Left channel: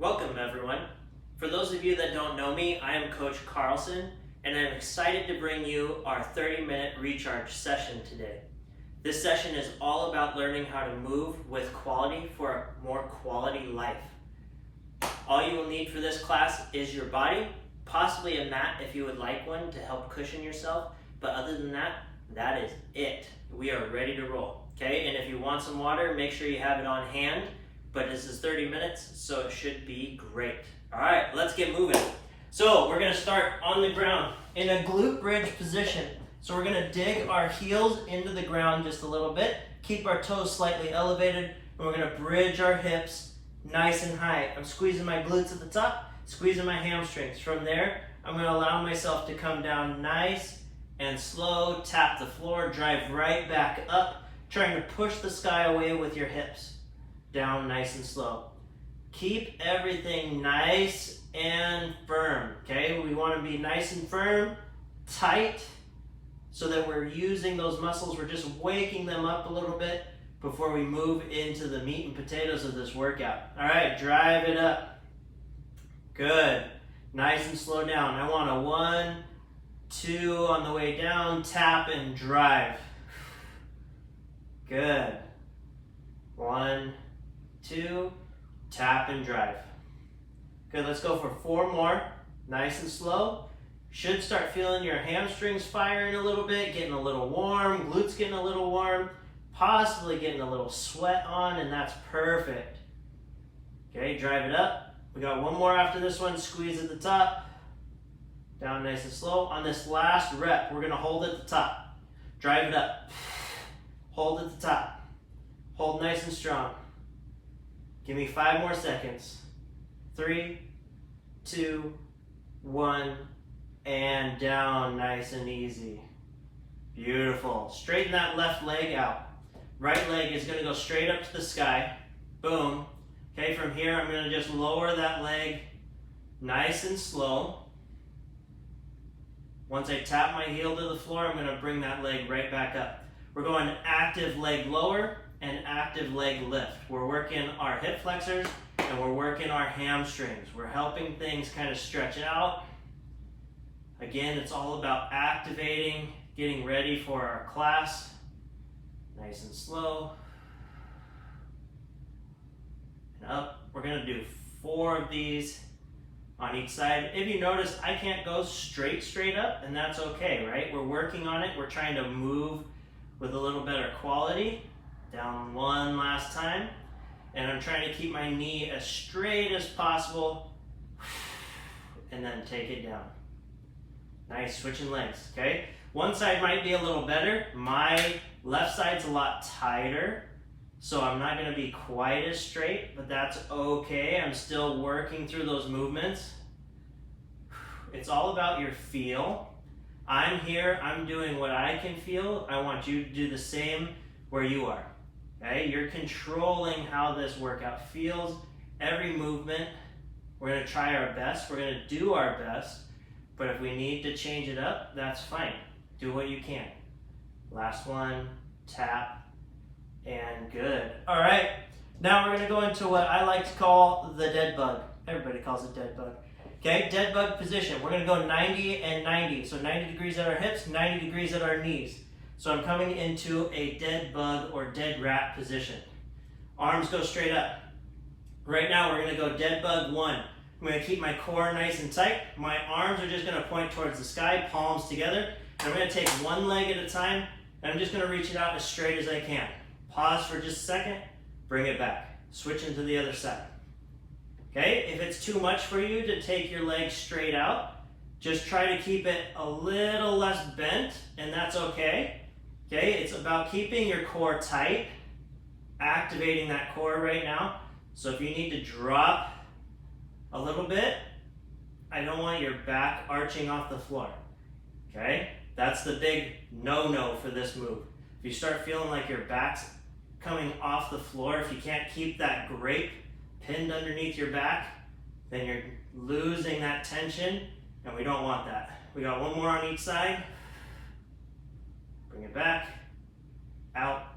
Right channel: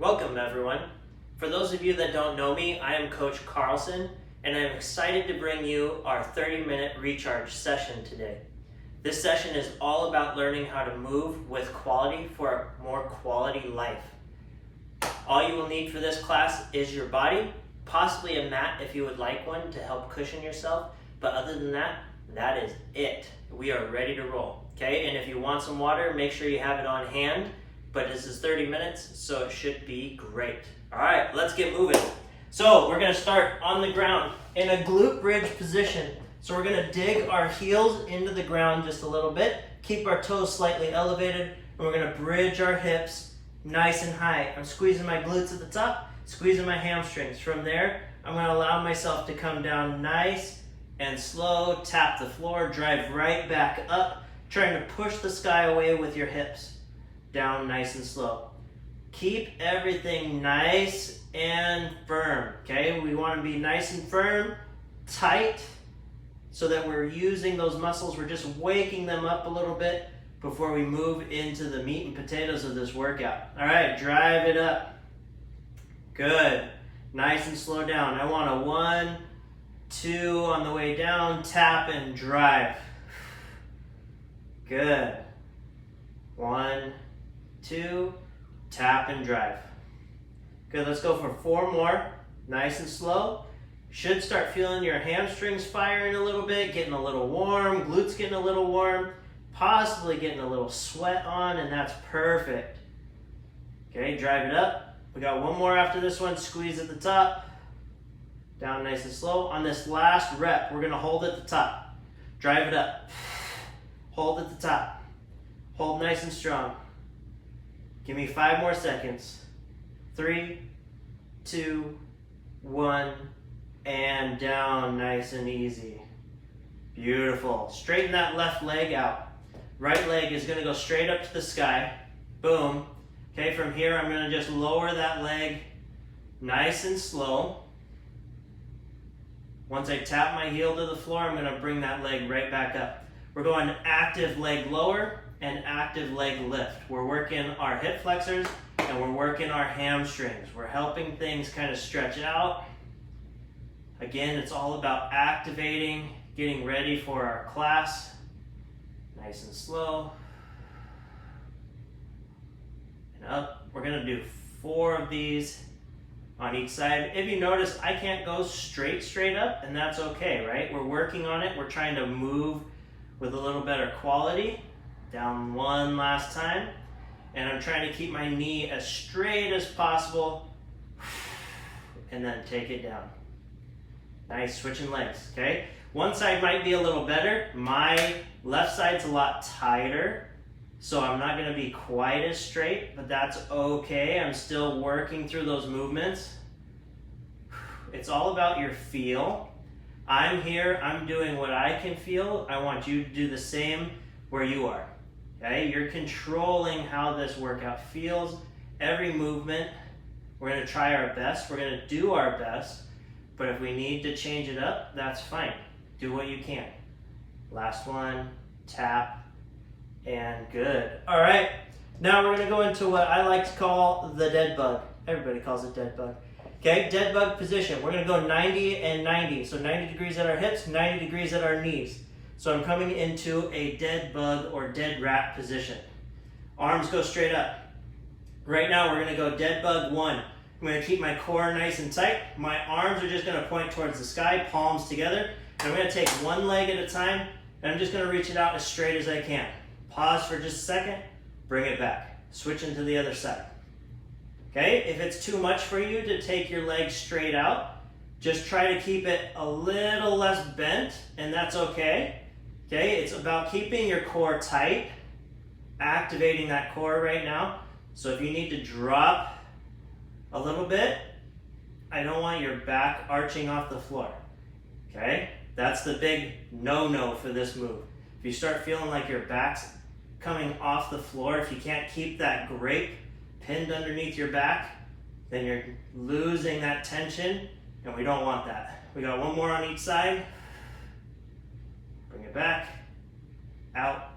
Welcome everyone. For those of you that don't know me, I am Coach Carlson and I'm excited to bring you our 30-minute recharge session today. This session is all about learning how to move with quality for a more quality life. All you will need for this class is your body, possibly a mat if you would like one to help cushion yourself, but other than that, that is it. We are ready to roll, okay? And if you want some water, make sure you have it on hand, but this is 30 minutes, so it should be great. All right, let's get moving. So we're gonna start on the ground in a glute bridge position. So we're gonna dig our heels into the ground just a little bit, keep our toes slightly elevated, and we're gonna bridge our hips nice and high. I'm squeezing my glutes at the top, squeezing my hamstrings. From there, I'm gonna allow myself to come down nice and slow, tap the floor, drive right back up, trying to push the sky away with your hips. Down nice and slow. Keep everything nice and firm, okay? We wanna be nice and firm, tight, so that we're using those muscles, we're just waking them up a little bit before we move into the meat and potatoes of this workout. All right, drive it up. Good. Nice and slow down. I want a 1, 2 on the way down, tap and drive. Good. 1, 2, tap and drive. Good, let's go for 4 more. Nice and slow. Should start feeling your hamstrings firing a little bit, getting a little warm, glutes getting a little warm, possibly getting a little sweat on, and that's perfect. Okay, drive it up. We got 1 more after this one. Squeeze at the top. Down nice and slow. On this last rep, we're gonna hold at the top. Drive it up. Hold at the top. Hold nice and strong. Give me 5 more seconds. 3, 2, 1, and down nice and easy. Beautiful. Straighten that left leg out. Right leg is gonna go straight up to the sky. Boom. Okay, from here I'm gonna just lower that leg nice and slow. Once I tap my heel to the floor, I'm gonna bring that leg right back up. We're going active leg lower and active leg lift. We're working our hip flexors and we're working our hamstrings. We're helping things kind of stretch out. Again, it's all about activating, getting ready for our class. Nice and slow. And up. We're gonna do 4 of these on each side. If you notice, I can't go straight up, and that's okay, right? We're working on it. We're trying to move with a little better quality. Down 1 last time. And I'm trying to keep my knee as straight as possible. And then take it down. Nice, switching legs, okay? One side might be a little better. My left side's a lot tighter, so I'm not gonna be quite as straight, but that's okay. I'm still working through those movements. It's all about your feel. I'm here, I'm doing what I can feel. I want you to do the same where you are, okay? You're controlling how this workout feels. Every movement, we're gonna try our best. We're gonna do our best. But if we need to change it up, that's fine. Do what you can. Last one, tap, and good. All right, now we're gonna go into what I like to call the dead bug. Everybody calls it dead bug. Okay, dead bug position. We're gonna go 90 and 90. So 90 degrees at our hips, 90 degrees at our knees. So I'm coming into a dead bug or dead rat position. Arms go straight up. Right now we're gonna go dead bug 1. I'm gonna keep my core nice and tight. My arms are just gonna point towards the sky, palms together. And I'm gonna take 1 leg at a time, and I'm just gonna reach it out as straight as I can. Pause for just a second, bring it back. Switch into the other side. Okay, if it's too much for you to take your leg straight out, just try to keep it a little less bent, and that's okay. Okay, it's about keeping your core tight, activating that core right now. So if you need to drop a little bit, I don't want your back arching off the floor, okay? That's the big no-no for this move. If you start feeling like your back's coming off the floor, if you can't keep that grape pinned underneath your back, then you're losing that tension, and we don't want that. We got 1 more on each side. Bring it back, out,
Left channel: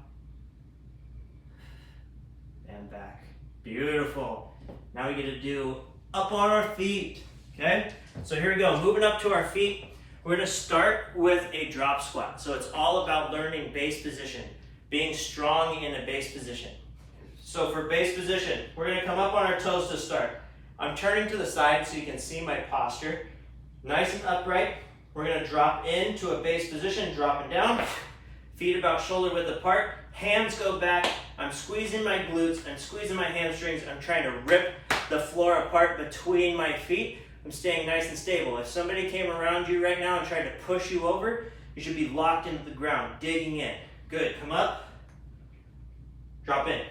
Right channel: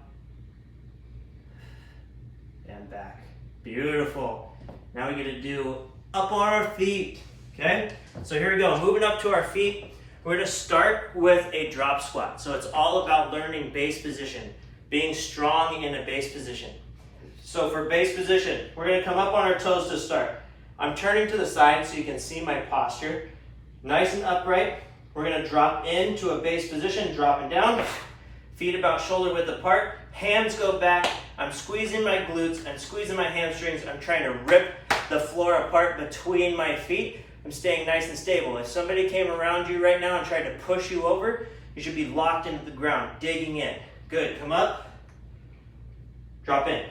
and back. Beautiful. Now we get to do up on our feet, okay? So here we go, moving up to our feet. We're gonna start with a drop squat. So it's all about learning base position, being strong in a base position. So for base position, we're gonna come up on our toes to start. I'm turning to the side so you can see my posture. Nice and upright. We're gonna drop into a base position, dropping down. Feet about shoulder width apart. Hands go back. I'm squeezing my glutes. I'm squeezing my hamstrings. I'm trying to rip the floor apart between my feet. I'm staying nice and stable. If somebody came around you right now and tried to push you over, you should be locked into the ground, digging in. Good, come up. Drop in.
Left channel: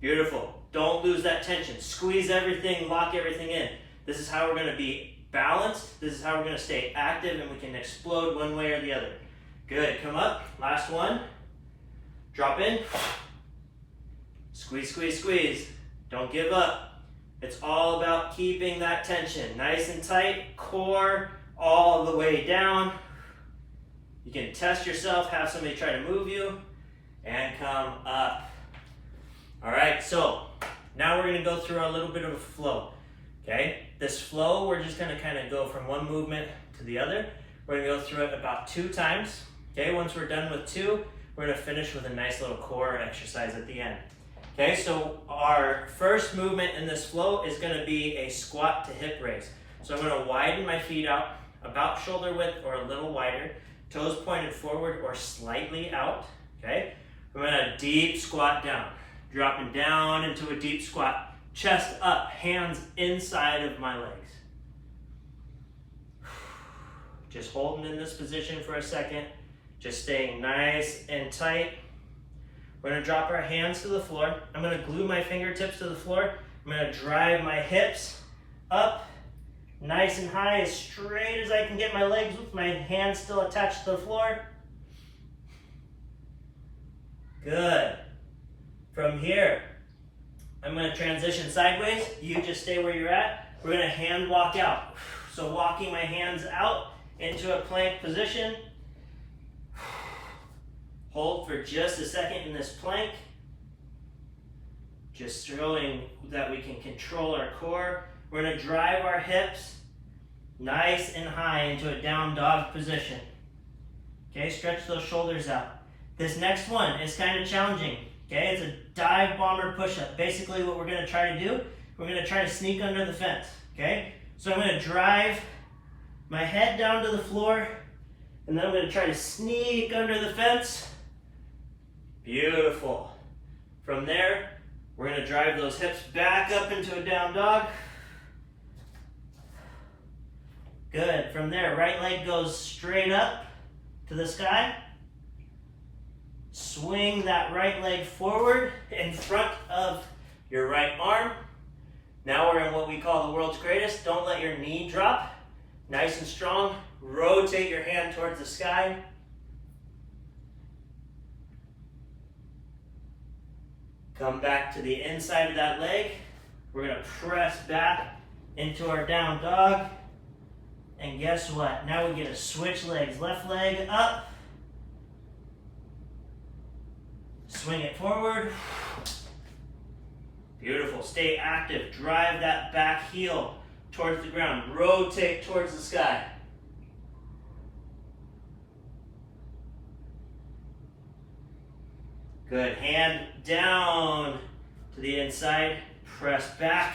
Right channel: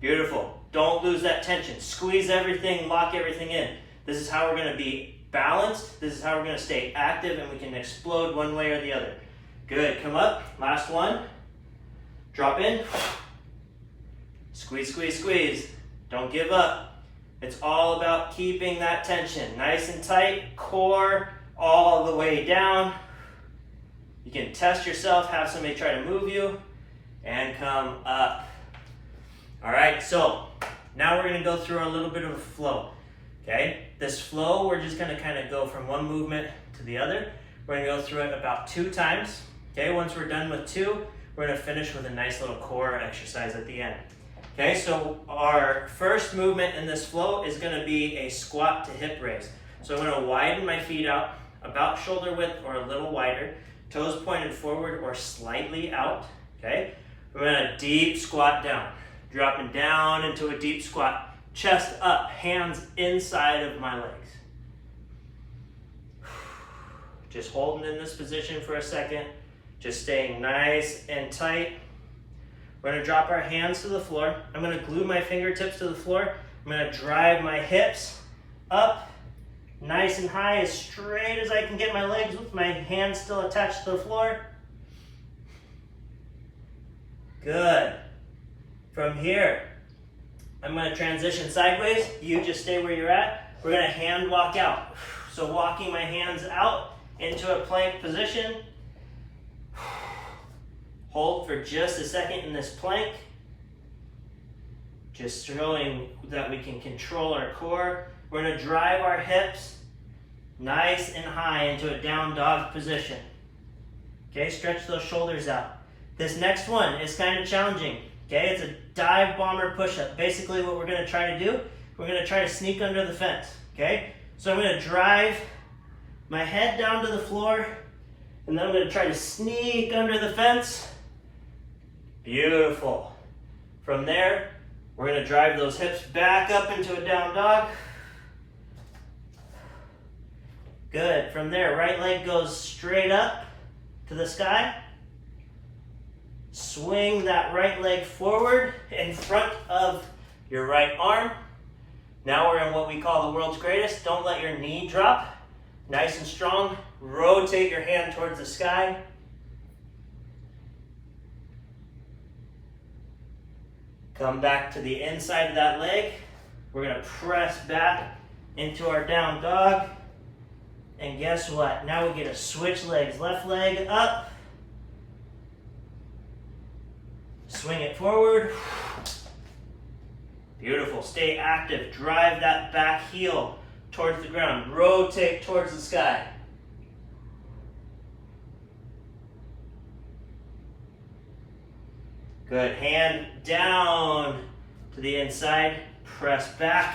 Beautiful. Don't lose that tension. Squeeze everything, lock everything in. This is how we're gonna be balanced. This is how we're gonna stay active and we can explode one way or the other. Good, come up. Last one. Drop in. Squeeze, squeeze, squeeze. Don't give up. It's all about keeping that tension nice and tight, core all the way down. You can test yourself, have somebody try to move you, and come up. All right, so now we're gonna go through a little bit of a flow, okay? This flow, we're just gonna kind of go from one movement to the other. We're gonna go through it about 2 times, okay? Once we're done with 2, we're gonna finish with a nice little core exercise at the end. Okay, so our first movement in this flow is gonna be a squat to hip raise. So I'm gonna widen my feet out, about shoulder width or a little wider, toes pointed forward or slightly out, okay? I'm gonna deep squat down, dropping down into a deep squat, chest up, hands inside of my legs. Just holding in this position for a second, just staying nice and tight. We're gonna drop our hands to the floor. I'm gonna glue my fingertips to the floor. I'm gonna drive my hips up, nice and high, as straight as I can get my legs with my hands still attached to the floor. Good. From here, I'm gonna transition sideways. You just stay where you're at. We're gonna hand walk out. So walking my hands out into a plank position. Hold for just a second in this plank. Just showing that we can control our core. We're gonna drive our hips nice and high into a down dog position. Okay, stretch those shoulders out. This next one is kind of challenging. Okay, it's a dive bomber push-up. Basically what we're gonna try to do, we're gonna try to sneak under the fence. Okay, so I'm gonna drive my head down to the floor and then I'm gonna try to sneak under the fence. Beautiful. From there, we're gonna drive those hips back up into a down dog. Good. From there, right leg goes straight up to the sky. Swing that right leg forward in front of your right arm. Now we're in what we call the world's greatest. Don't let your knee drop. Nice and strong. Rotate your hand towards the sky. Come back to the inside of that leg. We're gonna press back into our down dog. And guess what? Now we get to switch legs. Left leg up. Swing it forward. Beautiful. Stay active. Drive that back heel towards the ground. Rotate towards the sky. Good. Hand down to the inside. Press back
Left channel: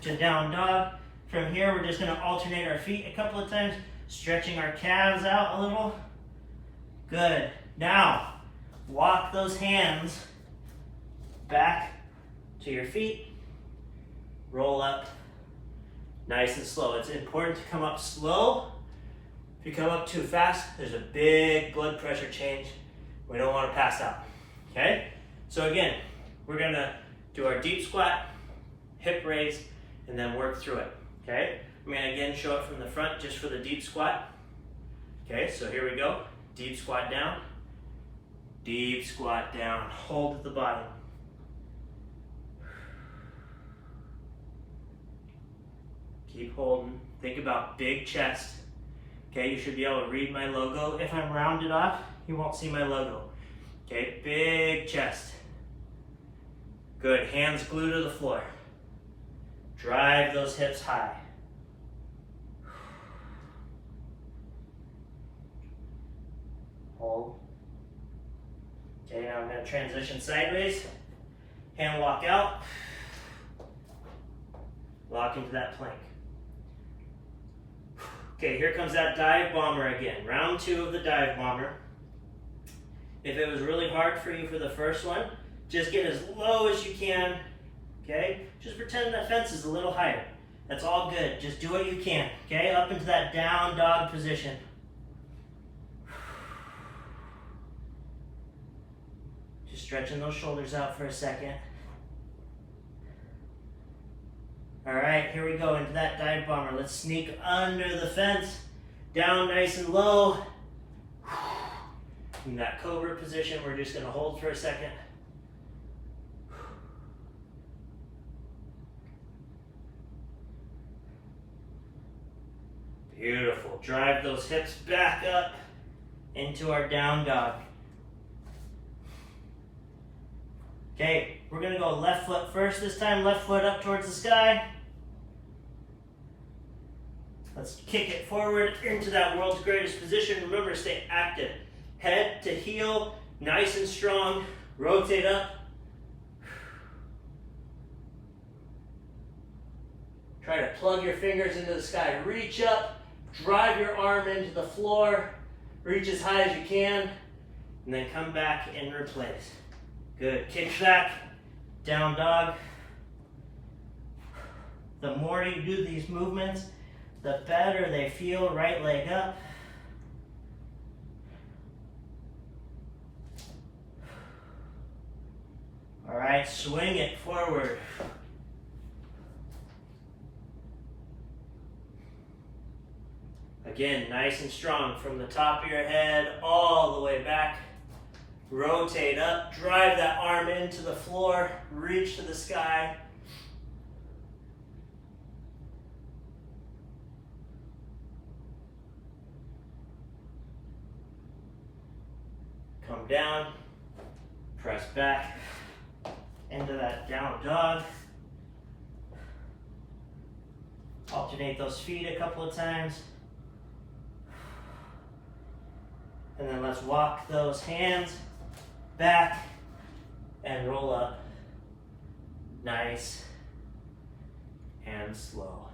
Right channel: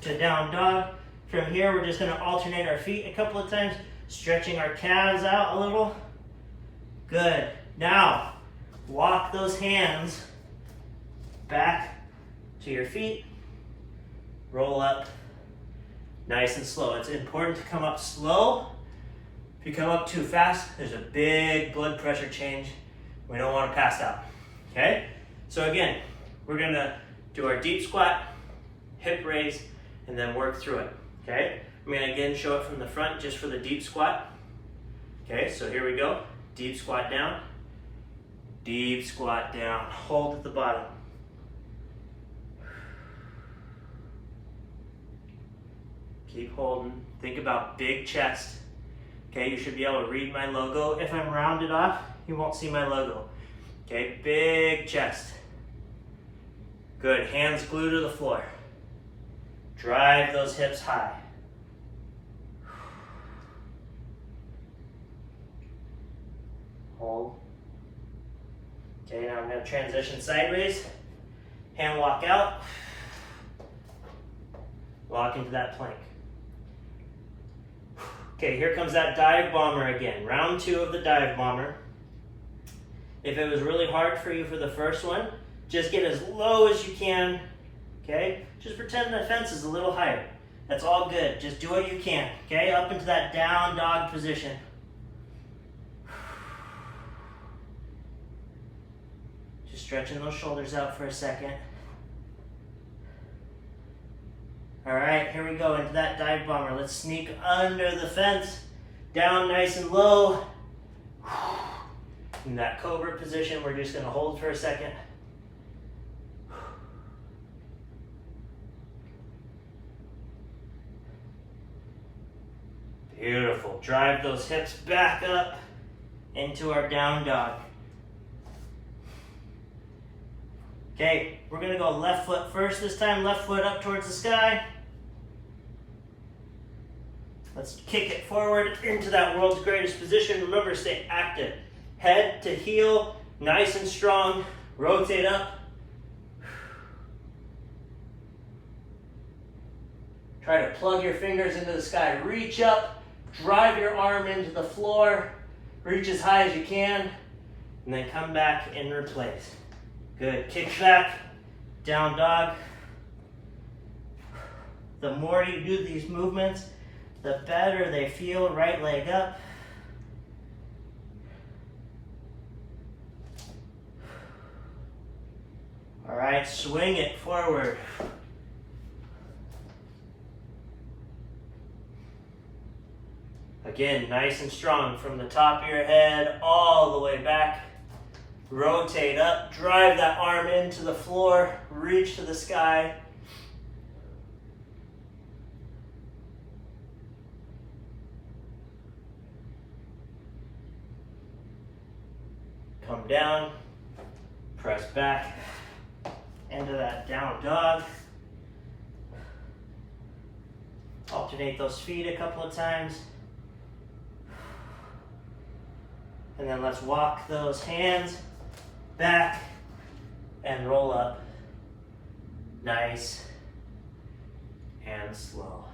to down dog. From here, we're just going to alternate our feet a couple of times, stretching our calves out a little. Good. Now, walk those hands back to your feet. Roll up nice and slow. It's important to come up slow. If you come up too fast, there's a big blood pressure change. We don't want to pass out, okay? So again, we're gonna do our deep squat, hip raise, and then work through it, okay? I'm gonna again show it from the front just for the deep squat. Okay, so here we go. Deep squat down, hold at the bottom. Keep holding, think about big chest. Okay, you should be able to read my logo. If I'm rounded off, you won't see my logo. Okay, big chest. Good, hands glued to the floor. Drive those hips high. Hold. Okay, now I'm going to transition sideways. Hand walk out. Lock into that plank. Okay, here comes that dive bomber again. Round 2 of the dive bomber. If it was really hard for you for the first one, just get as low as you can. Okay, just pretend the fence is a little higher. That's all good. Just do what you can. Okay, up into that down dog position. Just stretching those shoulders out for a second. All right, here we go into that dive bomber. Let's sneak under the fence, down nice and low. In that cobra position, we're just going to hold for a second. Beautiful. Drive those hips back up into our down dog. Okay, we're going to go left foot first this time. Left foot up towards the sky. Let's kick it forward into that world's greatest position. Remember, stay active. Head to heel, nice and strong. Rotate up. Try to plug your fingers into the sky. Reach up, drive your arm into the floor. Reach as high as you can, and then come back and replace. Good. Kick back, down dog. The more you do these movements, the better they feel. Right leg up. All right, swing it forward. Again, nice and strong from the top of your head all the way back. Rotate up, drive that arm into the floor, reach to the sky. Come down, press back into that down dog. Alternate those feet a couple of times. And then let's walk those hands back and roll up. Nice and slow.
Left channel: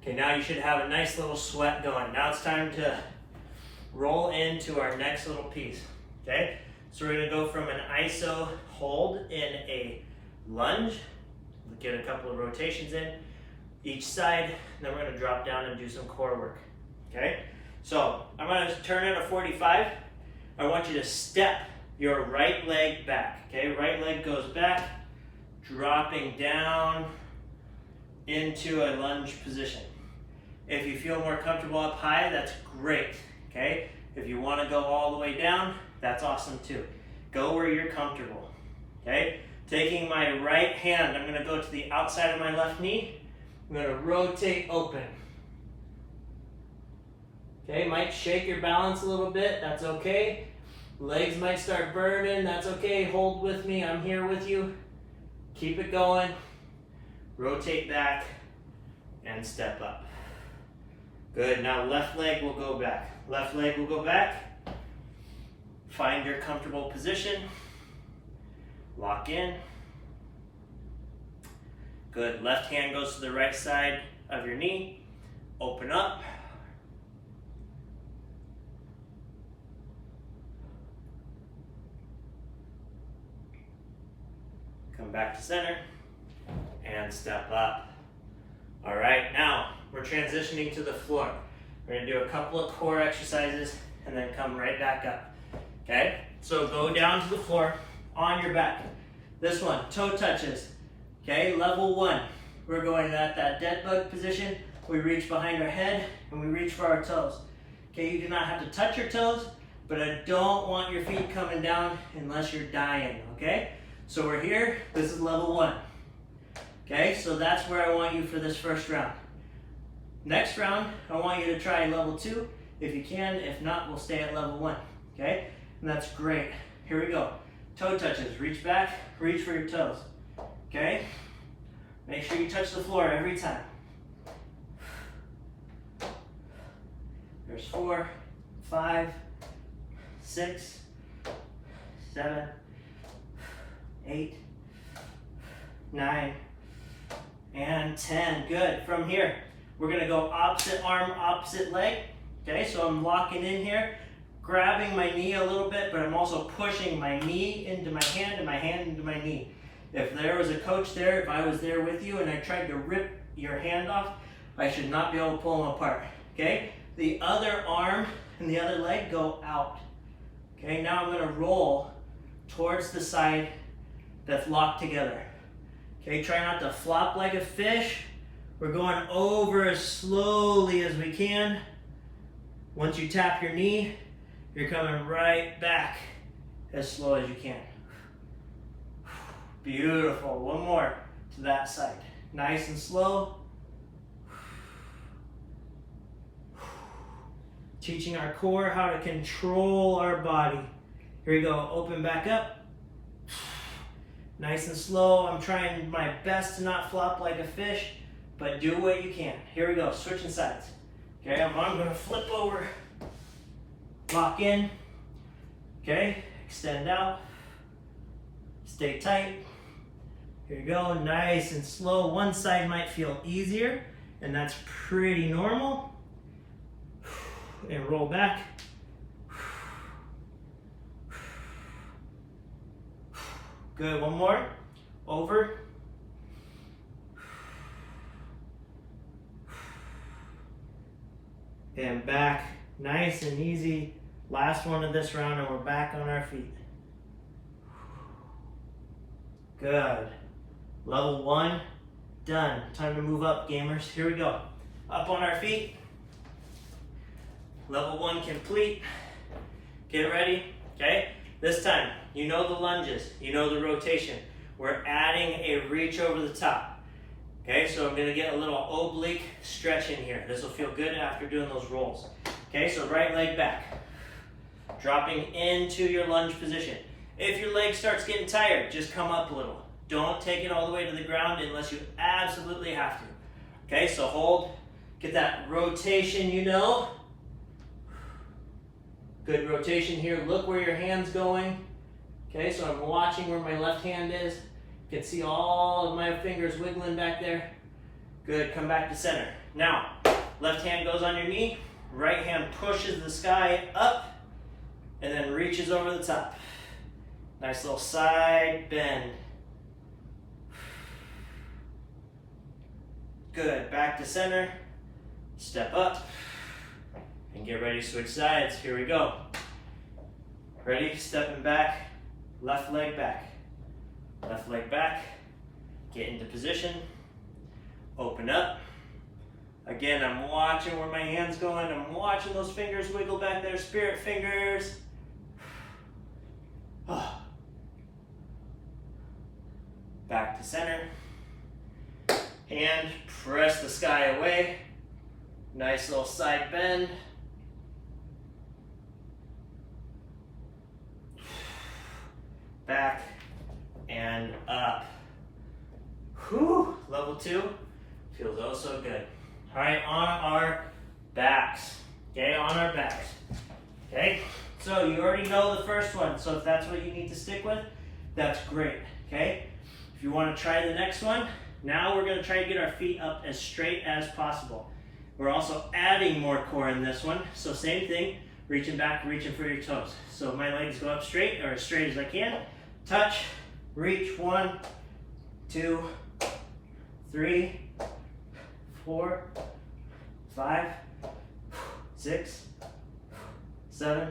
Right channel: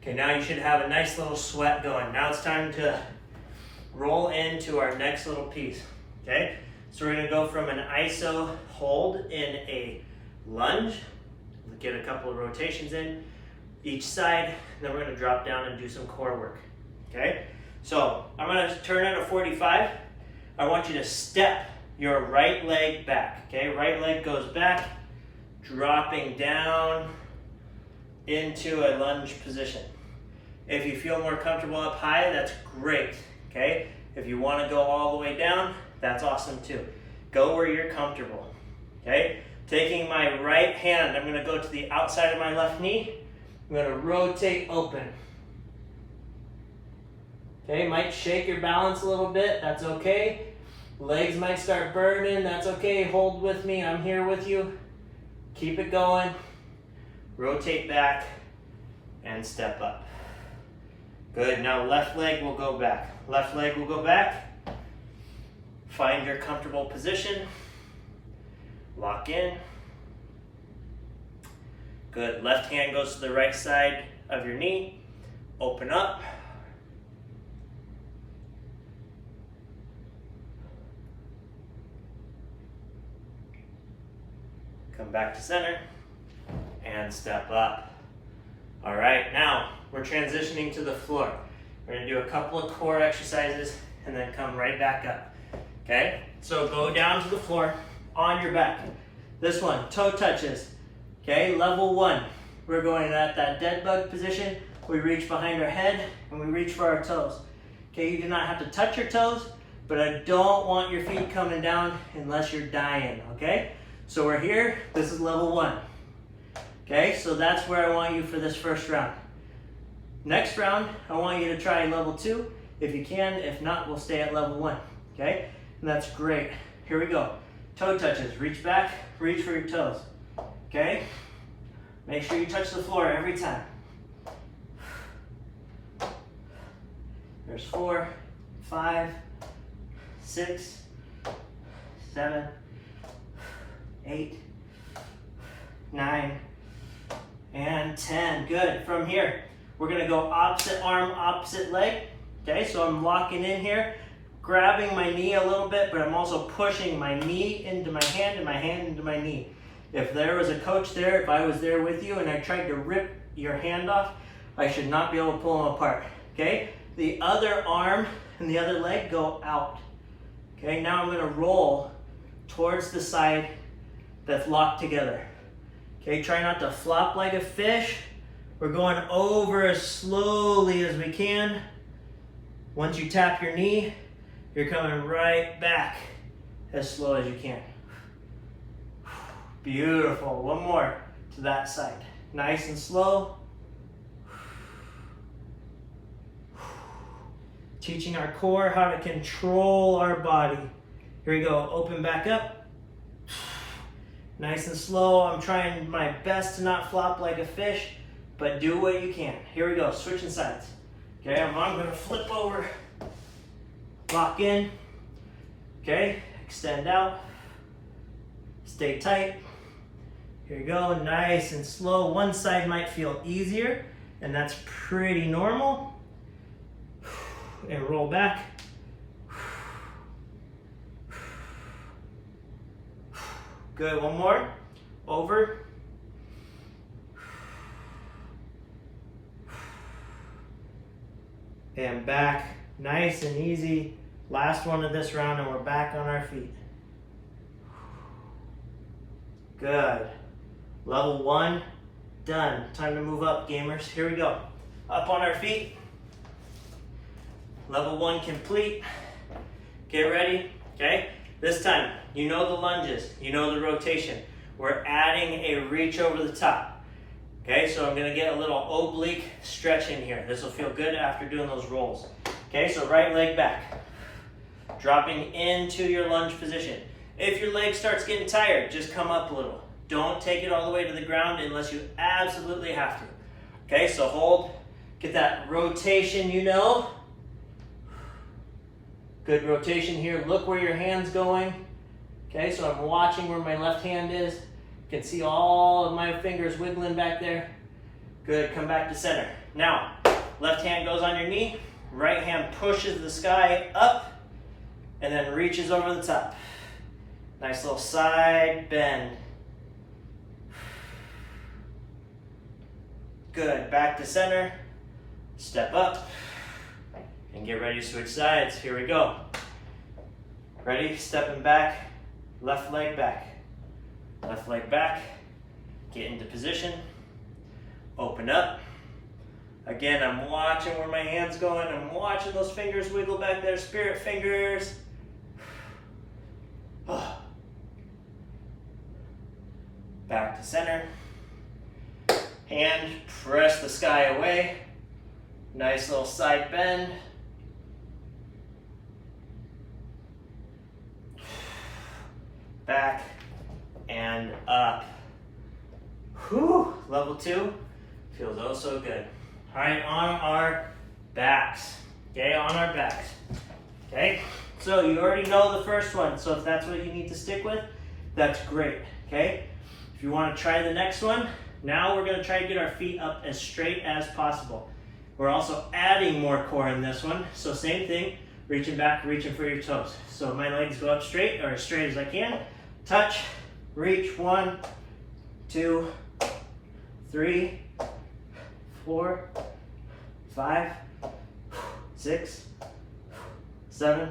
Okay, now you should have a nice little sweat going. Now it's time to roll into our next little piece. Okay, so we're going to go from an iso hold in a lunge. Get a couple of rotations in each side, and then we're going to drop down and do some core work. Okay, so I'm going to turn it a 45. I want you to step your right leg back. Okay, right leg goes back, dropping down into a lunge position. If you feel more comfortable up high, that's great. Okay, if you want to go all the way down, that's awesome too. Go where you're comfortable. Okay, taking my right hand, I'm going to go to the outside of my left knee. I'm going to rotate open. Okay, might shake your balance a little bit, that's okay. Legs might start burning, that's okay. Hold with me, I'm here with you. Keep it going. Rotate back and step up. Good, now left leg will go back. Left leg will go back. Find your comfortable position. Lock in. Good, left hand goes to the right side of your knee. Open up. Come back to center and step up. All right, now we're transitioning to the floor. We're gonna do a couple of core exercises and then come right back up. Okay, so go down to the floor on your back. This one, toe touches. Okay, level 1. We're going at that dead bug position. We reach behind our head and we reach for our toes. Okay, you do not have to touch your toes, but I don't want your feet coming down unless you're dying, okay? So we're here, this is level 1. Okay, so that's where I want you for this first round. Next round, I want you to try level 2 if you can. If not, we'll stay at level 1. Okay, and that's great. Here we go. Toe touches, reach back, reach for your toes. Okay? Make sure you touch the floor every time. There's 4, 5, 6, 7, 8, 9, and 10. Good. From here, we're going to go opposite arm, opposite leg. Okay, so I'm locking in here, grabbing my knee a little bit, but I'm also pushing my knee into my hand and my hand into my knee. If there was a coach there, if I was there with you and I tried to rip your hand off, I should not be able to pull them apart. Okay, the other arm and the other leg go out. Okay, now I'm going to roll towards the side that's locked together. Okay, try not to flop like a fish. We're going over as slowly as we can. Once you tap your knee, you're coming right back as slow as you can. Beautiful. One more to that side. Nice and slow. Teaching our core how to control our body. Here we go. Open back up. Nice and slow. I'm trying my best to not flop like a fish, but do what you can. Here we go. Switching sides. Okay, I'm going to flip over. Lock in. Okay, extend out. Stay tight. Here you go. Nice and slow. One side might feel easier, and that's pretty normal. And roll back. Good, one more. Over. And back. Nice and easy. Last one of this round, and we're back on our feet. Good. Level 1, done. Time to move up, gamers. Here we go. Up on our feet. Level 1 complete. Get ready, okay? This time, you know the lunges, you know the rotation. We're adding a reach over the top. Okay, so I'm gonna get a little oblique stretch in here. This will feel good after doing those rolls. Okay, so right leg back. Dropping into your lunge position. If your leg starts getting tired, just come up a little. Don't take it all the way to the ground unless you absolutely have to. Okay, so hold, get that rotation, you know. Good rotation here. Look where your hand's going. Okay, so I'm watching where my left hand is. You can see all of my fingers wiggling back there. Good, come back to center. Now, left hand goes on your knee, right hand pushes the sky up, and then reaches over the top. Nice little side bend. Good, back to center, step up, and get ready to switch sides. Here we go. Ready, stepping back, left leg back. Left leg back, get into position, open up. Again, I'm watching where my hand's going. I'm watching those fingers wiggle back there, spirit fingers. Back to center. Hand, press the sky away. Nice little side bend. Back and up. Whew, level 2 feels oh so good. All right, on our backs. Okay, on our backs. Okay, so you already know the first one, so if that's what you need to stick with, that's great. Okay, if you want to try the next one, now we're going to try to get our feet up as straight as possible. We're also adding more core in this one, so same thing, reaching back, reaching for your toes. So my legs go up straight, or as straight as I can. Touch, reach, 1, 2, 3, 4, 5, 6, 7,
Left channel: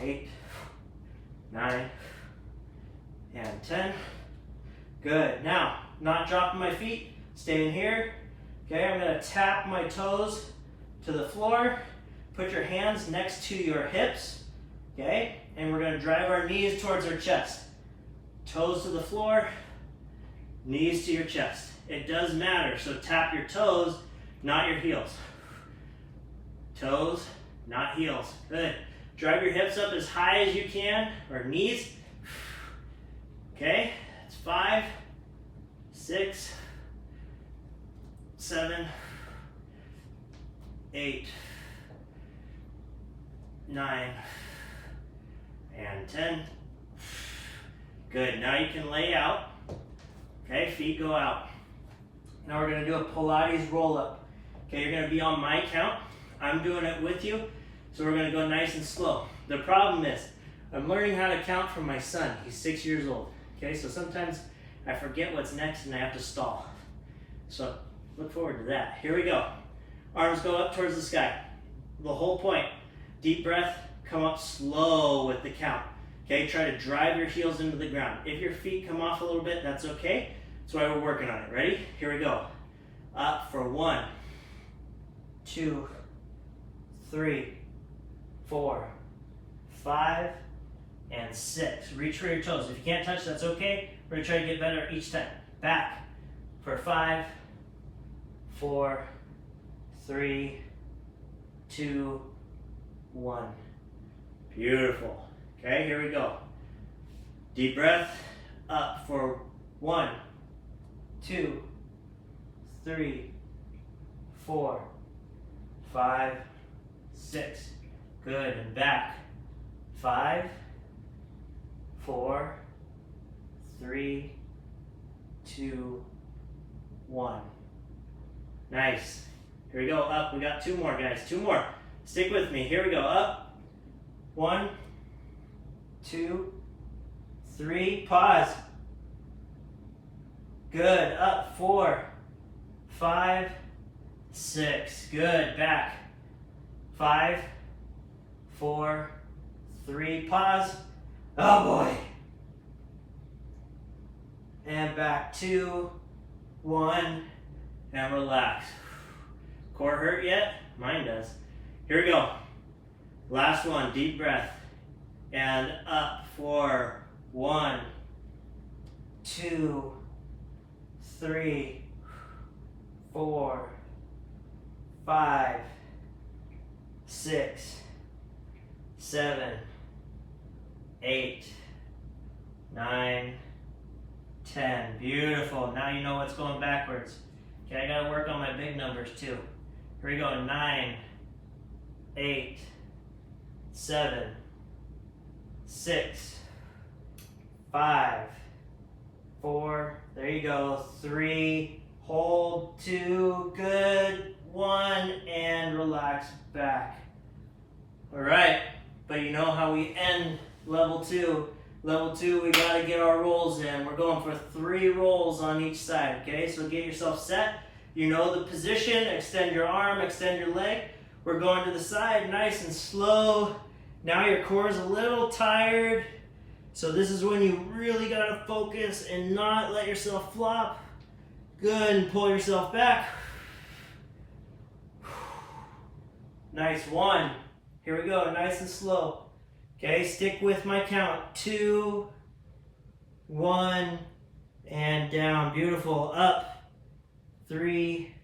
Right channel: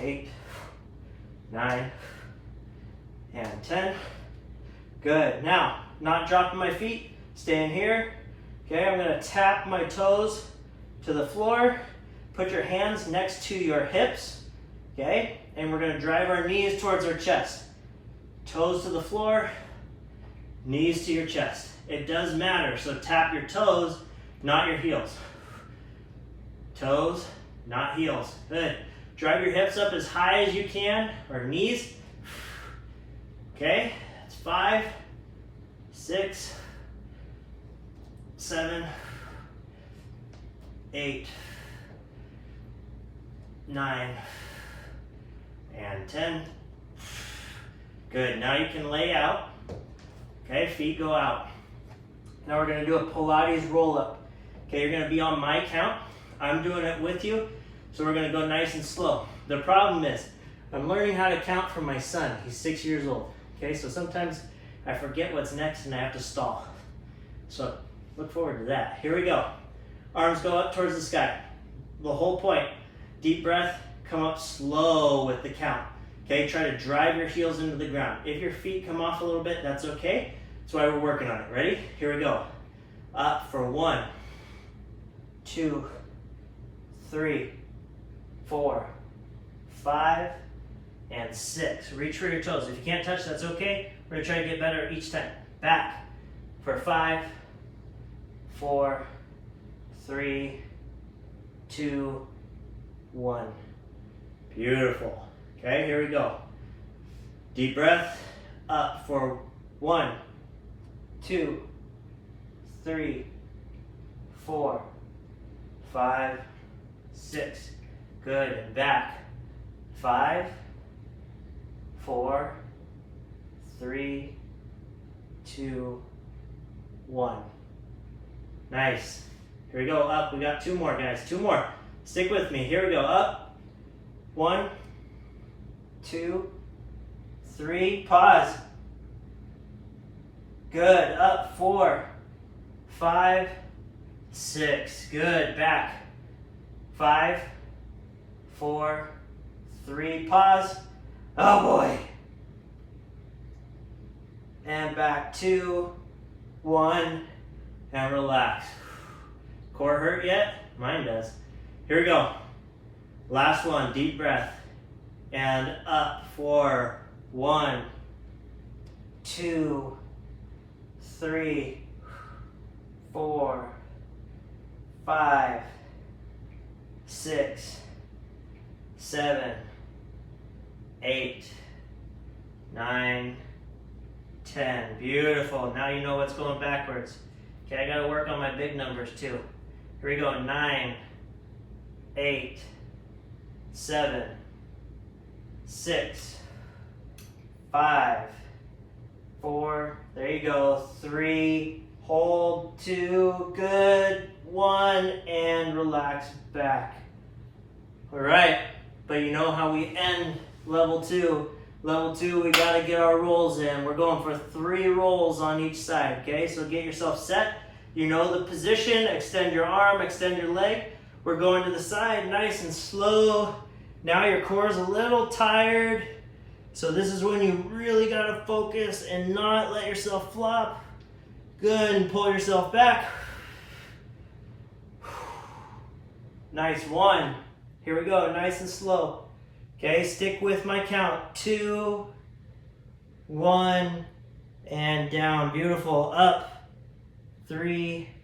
8, 9, and 10. Good. Now, not dropping my feet, staying here. Okay, I'm going to tap my toes to the floor. Put your hands next to your hips. Okay, and we're going to drive our knees towards our chest. Toes to the floor, knees to your chest. It does matter, so tap your toes, not your heels. Toes, not heels. Good. Drive your hips up as high as you can, or knees. Okay, It's 5, 6, 7, 8, 9, and 10. Good, now you can lay out. Okay, feet go out. Now we're gonna do a Pilates roll-up. Okay, you're gonna be on my count. I'm doing it with you, so we're gonna go nice and slow. The problem is, I'm learning how to count from my son. He's 6 years old. Okay, so sometimes I forget what's next and I have to stall. So look forward to that. Here we go. Arms go up towards the sky. The whole point, deep breath, come up slow with the count. Okay, try to drive your heels into the ground. If your feet come off a little bit, that's okay. That's why we're working on it. Ready? Here we go. Up for 1, 2, 3, 4, 5, and 6. Reach for your toes. If you can't touch, that's okay. We're gonna try to get better each time. Back for 5, 4, 3, 2, 1. Beautiful. Okay, here we go. Deep breath. Up for 1, 2, 3, 4, 5, 6. Good. And back. 5, 4, 3, 2, 1. Nice. Here we go. Up. We got 2 more, guys. 2 more. Stick with me. Here we go. Up. 1, 2, 3. Pause. Good. Up. 4, 5, 6. Good. Back. 5, 4, 3. Pause. Oh boy. And back. 2, 1, and relax. Core hurt yet? Mine does. Here we go. Last one. Deep breath. And up for 1, 2, 3, 4, 5, 6, 7, 8, 9, 10. Beautiful. Now you know what's going backwards. Okay, I gotta work on my big numbers too. Here we go. 9, 8, 7, 6, 5, 4, there you go, 3, hold, 2, good, 1, and relax back. All right, but you know how we end level 2. Level 2, we gotta get our rolls in. We're going for 3 rolls on each side, okay? So get yourself set. You know the position, extend your arm, extend your leg. We're going to the side, nice and slow. Now your core is a little tired. So this is when you really gotta focus and not let yourself flop. Good, and pull yourself back. Nice, 1. Here we go, nice and slow. Okay, stick with my count. 2, 1, and down. Beautiful. Up. 3,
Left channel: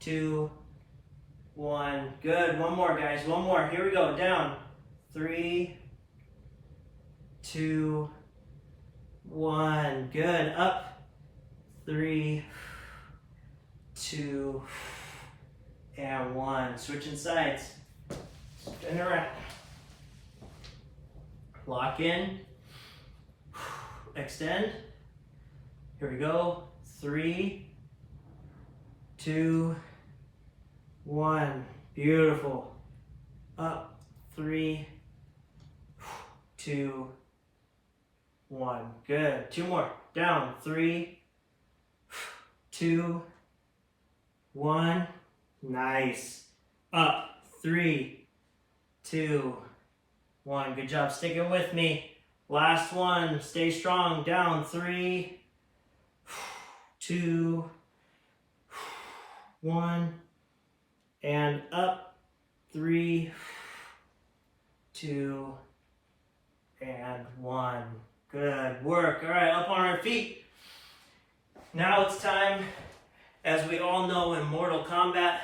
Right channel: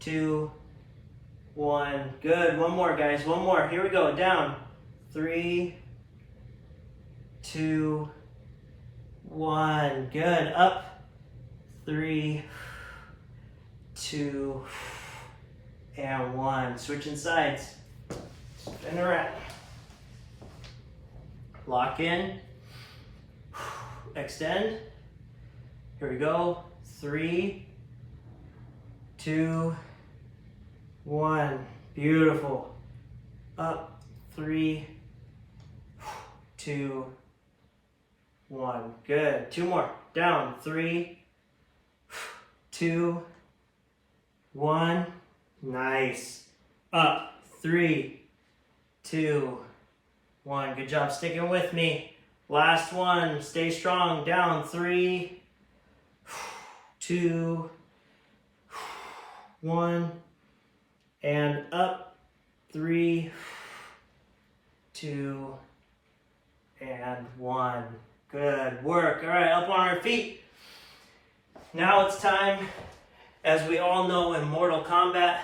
2, 1. Good. One more, guys. One more. Here we go. Down. 3, 2, 1. Good. Up. 3, 2, and 1. Switching sides. Spin around. Lock in. Extend. Here we go. 3, 2, 1. Beautiful. Up. 3, 2, 1. Good. 2 more. Down. 3, 2, 1. Nice. Up. 3, 2, 1. Good job sticking with me. Last one. Stay strong. Down. 3, 2, 1. And up. 3, 2, and 1. Good work. All right, up on our feet. Now it's time, as we all know in Mortal Kombat,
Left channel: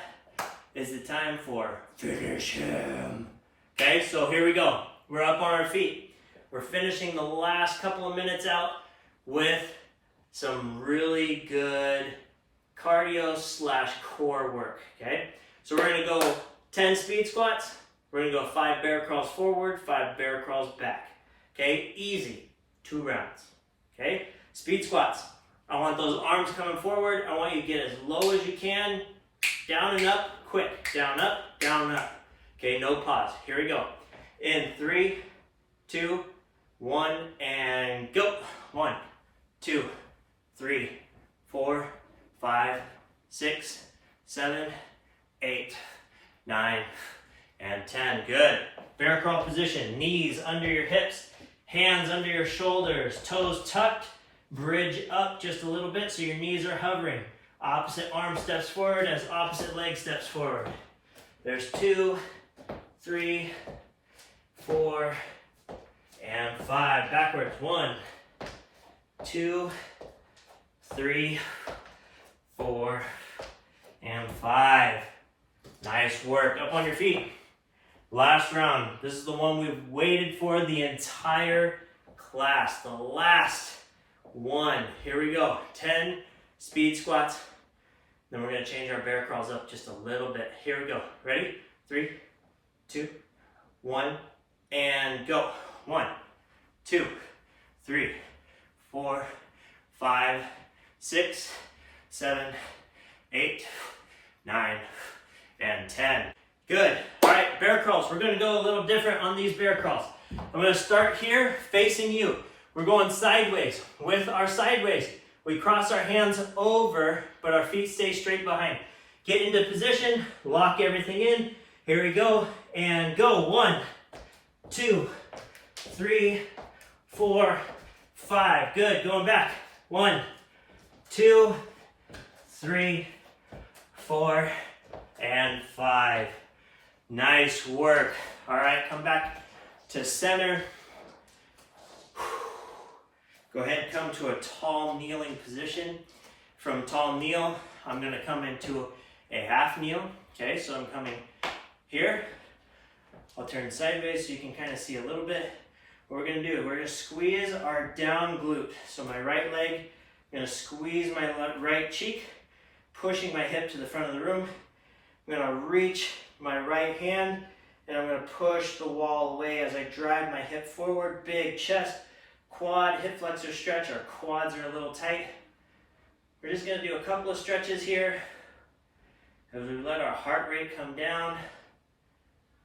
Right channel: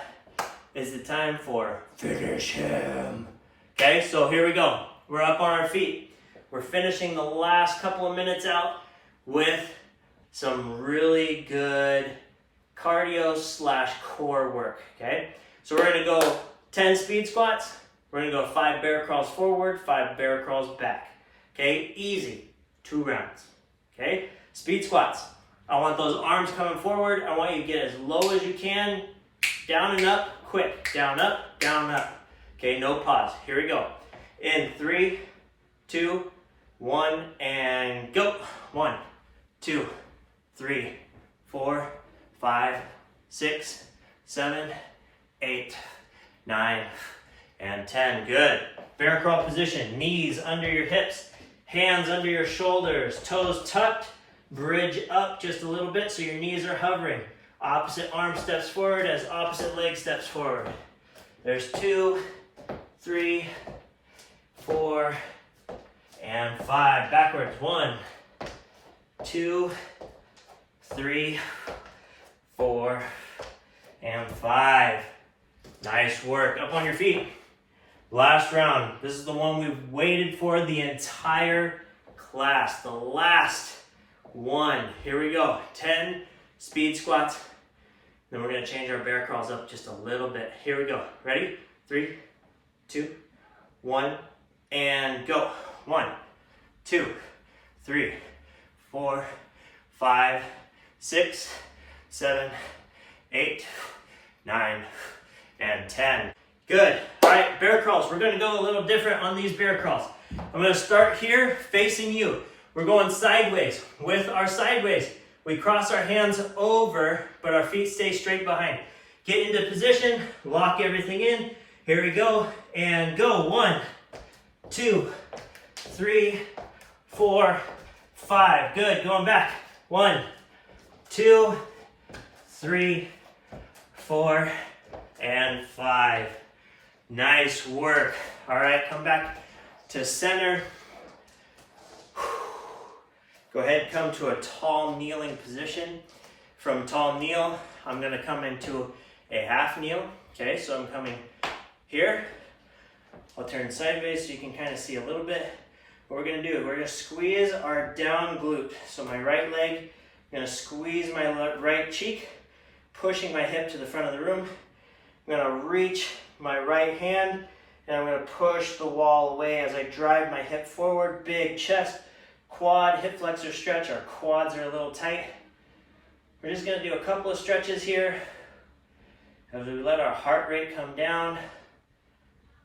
is the time for finish him. Okay, so here we go. We're up on our feet. We're finishing the last couple of minutes out. with some really good cardio slash core work, okay? So we're gonna go 10 speed squats. We're gonna go 5 bear crawls forward, 5 bear crawls back, okay? Easy, 2 rounds, okay? Speed squats. I want those arms coming forward. I want you to get as low as you can, down and up, quick, down, up, okay? No pause, here we go. In 3, 2, 1, and go. 1, 2, 3, 4, 5, 6, 7, 8, 9, and 10. Good. Bear crawl position. Knees under your hips, hands under your shoulders, toes tucked, bridge up just a little bit so your knees are hovering. Opposite arm steps forward as opposite leg steps forward. There's 2, 3, 4, and 5. Backwards. 1, 2, 3, 4, and 5. Nice work. Up on your feet. Last round. This is the one we've waited for the entire class. The last one. Here we go. 10 speed squats. Then we're going to change our bear crawls up just a little bit. Here we go. Ready? 3, 2, 1, and go. 1, 2, 3, 4, 5, 6, 7, 8, 9, and 10. Good. All right, bear crawls. We're going to go a little different on these bear crawls. I'm going to start here facing you. We're going sideways. With our sideways, we cross our hands over, but our feet stay straight behind. Get into position, lock everything in. Here we go, and go. 1, 2, 3, 4, 5. Good. Going back. 1, 2, 3, 4, and 5. Nice work. All right, come back to center. Go ahead, come to a tall kneeling position. From tall kneel, I'm gonna come into a half kneel. Okay, so I'm coming here. I'll turn sideways so you can kind of see a little bit. What we're gonna do, we're gonna squeeze our down glute. So my right leg, I'm gonna squeeze my right cheek, pushing my hip to the front of the room. I'm gonna reach my right hand and I'm gonna push the wall away as I drive my hip forward. Big chest, quad, hip flexor stretch. Our quads are a little tight. We're just gonna do a couple of stretches here as we let our heart rate come down.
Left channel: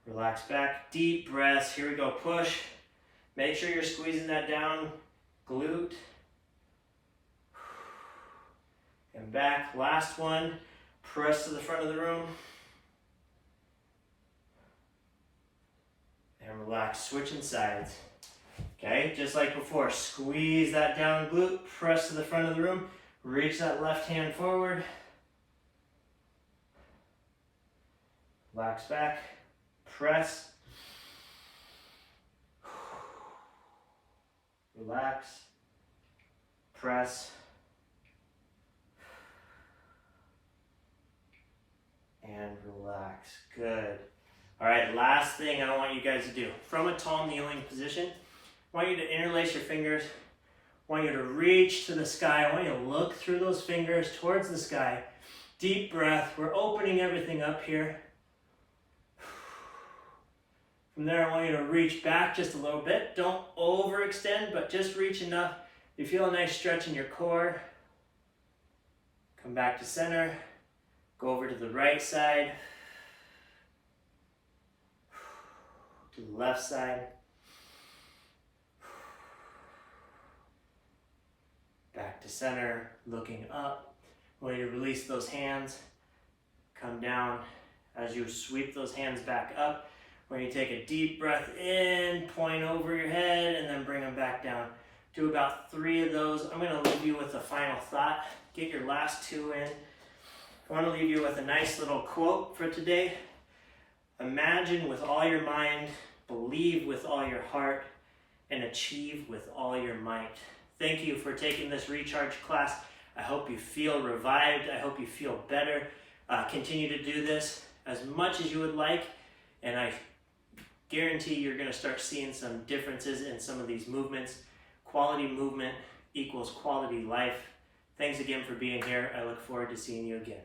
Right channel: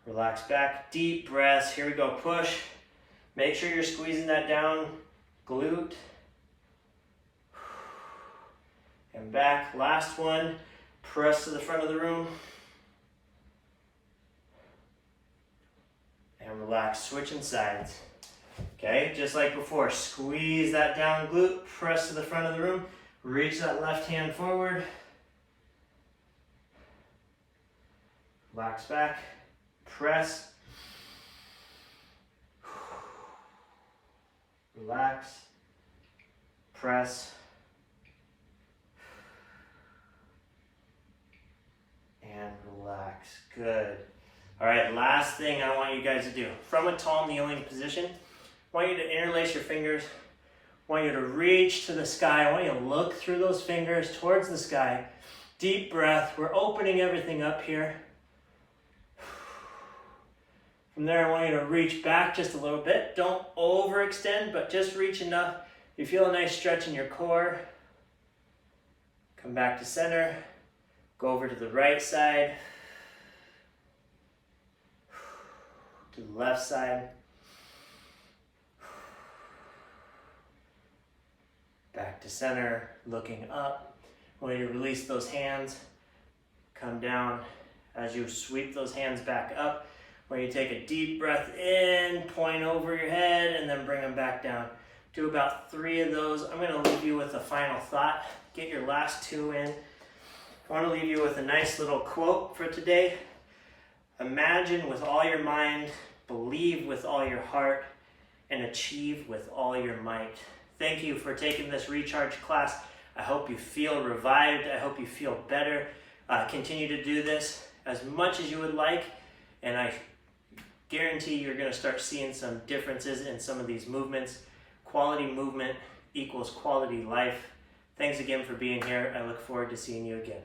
Relax back, deep breaths. Here we go, push. Make sure you're squeezing that down glute. And back, last one. Press to the front of the room. And relax, switching sides. Okay, just like before, squeeze that down glute, press to the front of the room, reach that left hand forward. Relax back, press. Relax, press. And relax. Good. All right, last thing I want you guys to do. From a tall kneeling position, I want you to interlace your fingers. I want you to reach to the sky. I want you to look through those fingers towards the sky. Deep breath. We're opening everything up here. From there, I want you to reach back just a little bit. Don't overextend, but just reach enough. You feel a nice stretch in your core. Come back to center. Go over to the right side. To the left side. Back to center, looking up. When you release those hands, come down. As you sweep those hands back up, when you take a deep breath in, point over your head, and then bring them back down. Do about 3 of those. I'm going to leave you with a final thought. Get your last 2 in. I want to leave you with a nice little quote for today. Imagine with all your mind, believe with all your heart, and achieve with all your might. Thank you for taking this recharge class. I hope you feel revived. I hope you feel better. Continue to do this as much as you would like, and I guarantee you're going to start seeing some differences in some of these movements. Quality movement, equals quality life. Thanks again for being here. I look forward to seeing you again.